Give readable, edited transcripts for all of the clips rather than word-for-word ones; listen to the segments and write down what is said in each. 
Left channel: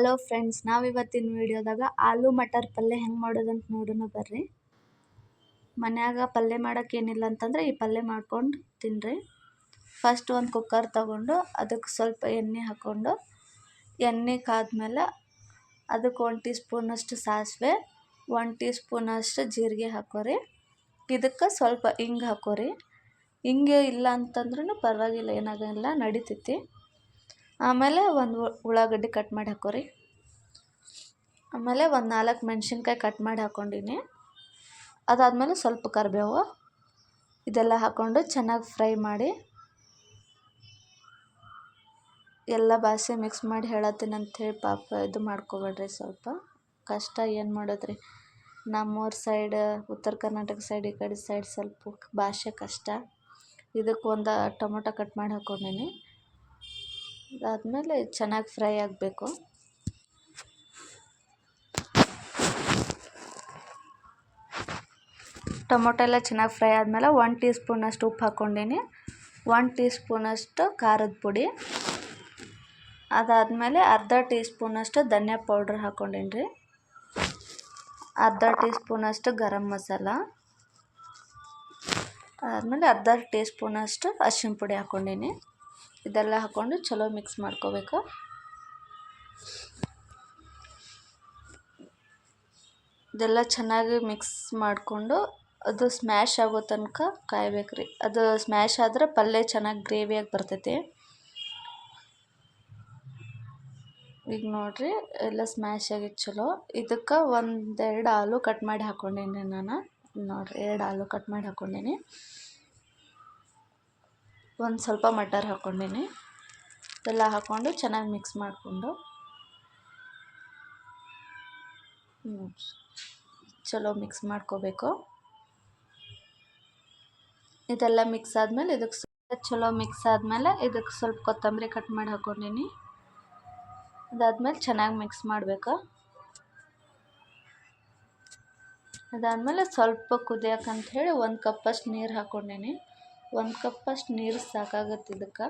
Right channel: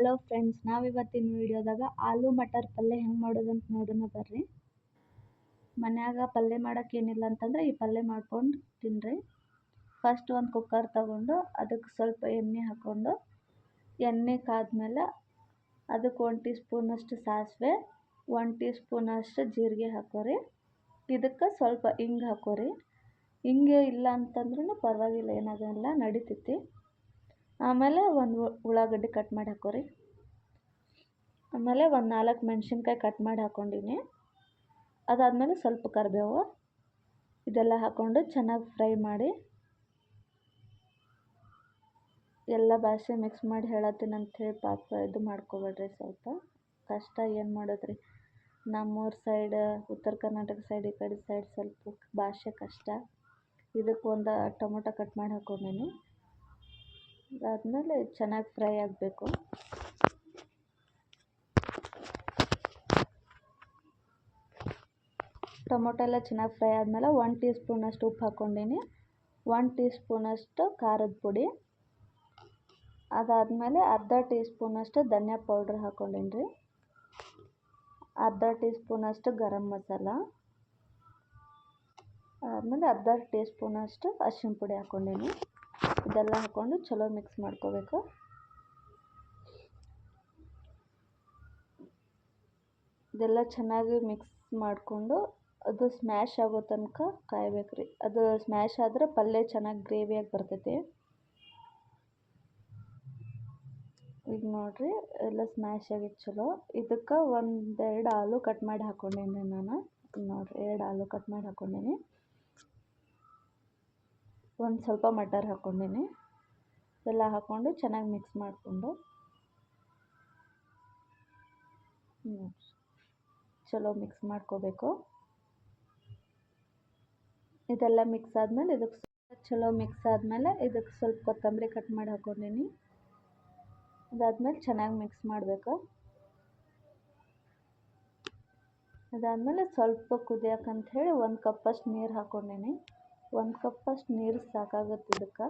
Hello friends, ನಾವಿವತ್ತಿನ ವಿಡಿಯೋದಾಗ aloo matar ಪಲ್ಯ ಹೆಂಗೆ ಮಾಡೋದಂತ ನೋಡೋಣ ಬರ್ರಿ. ಮನ್ಯಾಗ ಪಲ್ಯ ಮಾಡೋಕೆ ಏನಿಲ್ಲ ಅಂತಂದ್ರೆ ಈ ಪಲ್ಯ ಮಾಡ್ಕೊಂಡು ತಿನ್ನಿರಿ. ಫಸ್ಟ್ ಒಂದು ಕುಕ್ಕರ್ ತಗೊಂಡು ಅದಕ್ಕೆ ಸ್ವಲ್ಪ ಎಣ್ಣೆ ಹಾಕ್ಕೊಂಡು ಎಣ್ಣೆ ಕಾದ್ಮೇಲೆ ಅದಕ್ಕೆ 1 ಟೀ ಸ್ಪೂನಷ್ಟು ಸಾಸಿವೆ, 1 ಟೀ ಸ್ಪೂನಷ್ಟು ಜೀರಿಗೆ ಹಾಕೋರಿ. ಇದಕ್ಕೆ ಸ್ವಲ್ಪ ಹಿಂಗೆ ಹಾಕೋರಿ. ಹಿಂಗೆ ಇಲ್ಲ ಅಂತಂದ್ರೂ ಪರವಾಗಿಲ್ಲ, ಏನಾಗಲ್ಲ, ನಡಿತೈತಿ. ಆಮೇಲೆ ಒಂದು ಉಳ್ಳಾಗಡ್ಡಿ ಕಟ್ ಮಾಡಿ ಹಾಕೋರಿ. ಆಮೇಲೆ ಒಂದು 4 ಮೆಣಸಿನ್ಕಾಯಿ ಕಟ್ ಮಾಡಿ ಹಾಕ್ಕೊಂಡೀನಿ. ಅದಾದಮೇಲೆ ಸ್ವಲ್ಪ ಕರಿಬೇವು ಇದೆಲ್ಲ ಹಾಕ್ಕೊಂಡು ಚೆನ್ನಾಗಿ ಫ್ರೈ ಮಾಡಿ ಎಲ್ಲ ಬಾಸಿ ಮಿಕ್ಸ್ ಮಾಡಿ ಹೇಳತ್ತೀನಿ ಅಂಥೇಳಿ ಪಾಪ ಇದು ಮಾಡ್ಕೊಬೇಡ್ರಿ. ಸ್ವಲ್ಪ ಕಷ್ಟ, ಏನು ಮಾಡೋದ್ರಿ, ನಮ್ಮೂರ ಸೈಡ್ ಉತ್ತರ ಕರ್ನಾಟಕ ಸೈಡ್ ಈ ಕಡೆ ಸೈಡ್ ಸ್ವಲ್ಪ ಭಾಷೆ ಕಷ್ಟ. ಇದಕ್ಕೆ ಒಂದು ಟೊಮೊಟೊ ಕಟ್ ಮಾಡಿ ಹಾಕ್ಕೊಂಡೀನಿ. ಅದಾದಮೇಲೆ ಚೆನ್ನಾಗಿ ಫ್ರೈ ಆಗಬೇಕು. ಟೊಮೊಟೊ ಎಲ್ಲ ಚೆನ್ನಾಗಿ ಫ್ರೈ ಆದಮೇಲೆ 1 ಟೀ ಸ್ಪೂನಷ್ಟು ಉಪ್ಪು ಹಾಕ್ಕೊಂಡೀನಿ, 1 ಟೀ ಸ್ಪೂನಷ್ಟು ಖಾರದ ಪುಡಿ, ಅದಾದಮೇಲೆ ಅರ್ಧ ಟೀ ಸ್ಪೂನಷ್ಟು ಧನಿಯಾ ಪೌಡ್ರ್ ಹಾಕ್ಕೊಂಡೀನಿ ರೀ, ಅರ್ಧ ಟೀ ಸ್ಪೂನಷ್ಟು ಗರಂ ಮಸಾಲ, ಅದಾದಮೇಲೆ ಅರ್ಧ ಟೀ ಸ್ಪೂನಷ್ಟು ಅರಿಶಿನ ಪುಡಿ ಹಾಕ್ಕೊಂಡೀನಿ. ಇದೆಲ್ಲ ಹಾಕ್ಕೊಂಡು ಚಲೋ ಮಿಕ್ಸ್ ಮಾಡ್ಕೋಬೇಕು. ಇದೆಲ್ಲ ಚೆನ್ನಾಗಿ ಮಿಕ್ಸ್ ಮಾಡಿಕೊಂಡು ಅದು ಸ್ಮ್ಯಾಶ್ ಆಗೋ ತನಕ ಕಾಯ್ಬೇಕು ರೀ. ಅದು ಸ್ಮ್ಯಾಶ್ ಆದರೆ ಪಲ್ಯ ಚೆನ್ನಾಗಿ ಗ್ರೇವಿಯಾಗಿ ಬರ್ತೈತಿ. ಈಗ ನೋಡಿರಿ, ಎಲ್ಲ ಸ್ಮ್ಯಾಶ್ ಆಗಿತ್ತು ಚಲೋ. ಇದಕ್ಕೆ 1-2 ಆಲೂ ಕಟ್ ಮಾಡಿ ಹಾಕ್ಕೊಂಡೀನಿ ನಾನು. ನೋಡಿರಿ, 2 ಆಲೂ ಕಟ್ ಮಾಡಿ ಹಾಕ್ಕೊಂಡೀನಿ. ಒಂದು ಸ್ವಲ್ಪ ಮಟರ್ ಹಾಕ್ಕೊಂಡೀನಿ. ಎಲ್ಲ ಹಾಕ್ಕೊಂಡು ಚೆನ್ನಾಗಿ ಮಿಕ್ಸ್ ಮಾಡಿಕೊಂಡು ಚಲೋ ಮಿಕ್ಸ್ ಮಾಡ್ಕೋಬೇಕು. ಇದೆಲ್ಲ ಮಿಕ್ಸ್ ಆದಮೇಲೆ ಚಲೋ ಮಿಕ್ಸ್ ಆದಮೇಲೆ ಇದಕ್ಕೆ ಸ್ವಲ್ಪ ಕೊತ್ತಂಬರಿ ಕಟ್ ಮಾಡಿ ಹಾಕ್ಕೊಂಡೀನಿ. ಅದಾದಮೇಲೆ ಚೆನ್ನಾಗಿ ಮಿಕ್ಸ್ ಮಾಡಬೇಕು. ಅದಾದಮೇಲೆ ಸ್ವಲ್ಪ ಕುದಿಯೋಕ್ಕಂತ ಹೇಳಿ 1 ಕಪ್ಪಷ್ಟು ನೀರು ಹಾಕ್ಕೊಂಡೀನಿ. 1 ಕಪ್ಪಷ್ಟು ನೀರು ಸಾಕಾಗುತ್ತೆ. ಇದಕ್ಕೆ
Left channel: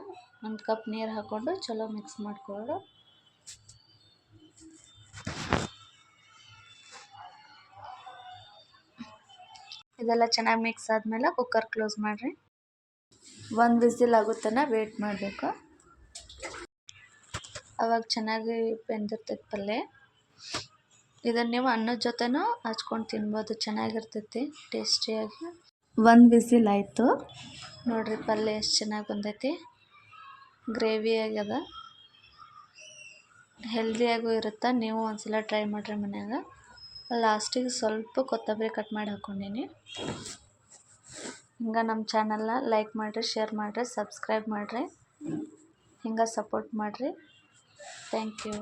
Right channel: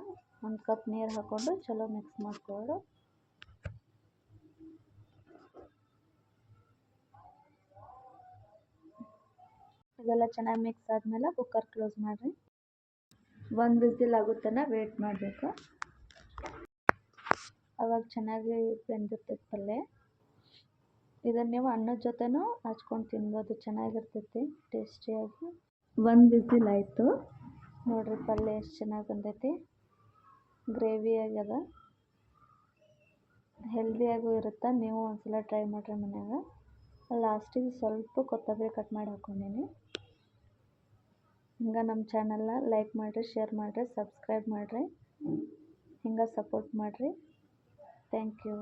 1 ಕಪ್ ನೀರು ಹಾಕ್ಕೊಂಡು ಚಲೋ ಮಿಕ್ಸ್ ಮಾಡಿಕೊಂಡು ಇದೆಲ್ಲ ಚೆನ್ನಾಗಿ ಮಿಕ್ಸ್ ಆದಮೇಲೆ ಕುಕ್ಕರ್ ಕ್ಲೋಸ್ ಮಾಡಿರಿ. 1 ವಿಸಿಲ್ ಆಗುತ್ತನ ವೇಟ್ ಮಾಡಬೇಕು. ಅವಾಗ ಚೆನ್ನಾಗಿ ಬೆಂದಿರ್ತೈತೆ ಪಲ್ಯ. ಇದನ್ನು ನೀವು ಅನ್ನದ ಜೊತೆನೂ ಹಚ್ಕೊಂಡು ತಿನ್ಬೋದು, ಚೆನ್ನಾಗಿರ್ತೈತಿ ಟೇಸ್ಟಿಯಾಗಿ. 1 ವಿಸಿಲ್ ಆಯಿತು ನೋಡಿರಿ, ಪಲ್ಯ ಎಷ್ಟು ಚೆನ್ನಾಗಿ ಬಂದೈತಿ, ಗ್ರೇವಿ ಆಗ್ಯದ, ಹೆಲ್ದಿಯಾಗೂ ಇರುತ್ತೆ. ನೀವು ಒಂದ್ಸಲ ಟ್ರೈ ಮಾಡಿರಿ ಮನ್ಯಾಗ. ಲಾಸ್ಟಿಗೆ ಸ್ವಲ್ಪ ಕೊತ್ತಂಬರಿ ಕಟ್ ಮಾಡಿ ಹಾಕ್ಕೊಂಡೀನಿ. ಹಿಂಗೆ ನಮ್ಮ ಚಾನಲ್ನ ಲೈಕ್ ಮಾಡಿರಿ, ಶೇರ್ ಮಾಡಿರಿ, ಸಬ್ಸ್ಕ್ರೈಬ್ ಮಾಡಿರಿ, ಹಿಂಗೆ ಸಪೋರ್ಟ್ ಮಾಡಿರಿ. Thank you.